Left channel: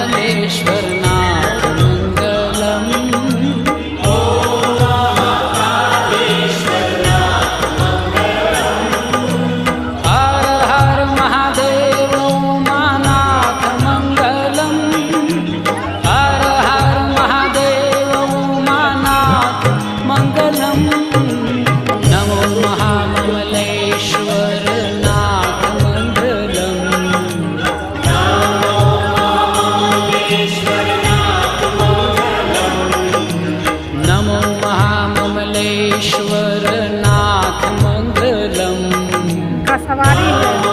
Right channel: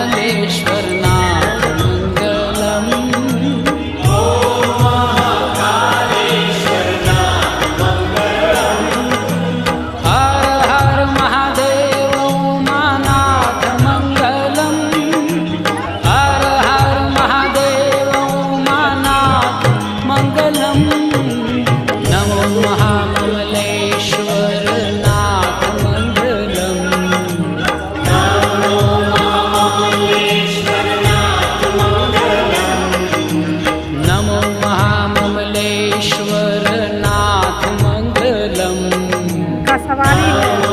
महामलेश्वरनाथ मंगलम्। हर हर महादेव उमानाथ मंगलम्। हर हर महादेव उमानाथ मंगलम्। नमो महामलेश्वरनाथ मंगलम्। नमो महामलेश्वरनाथ मंगलम्। का सवारी है।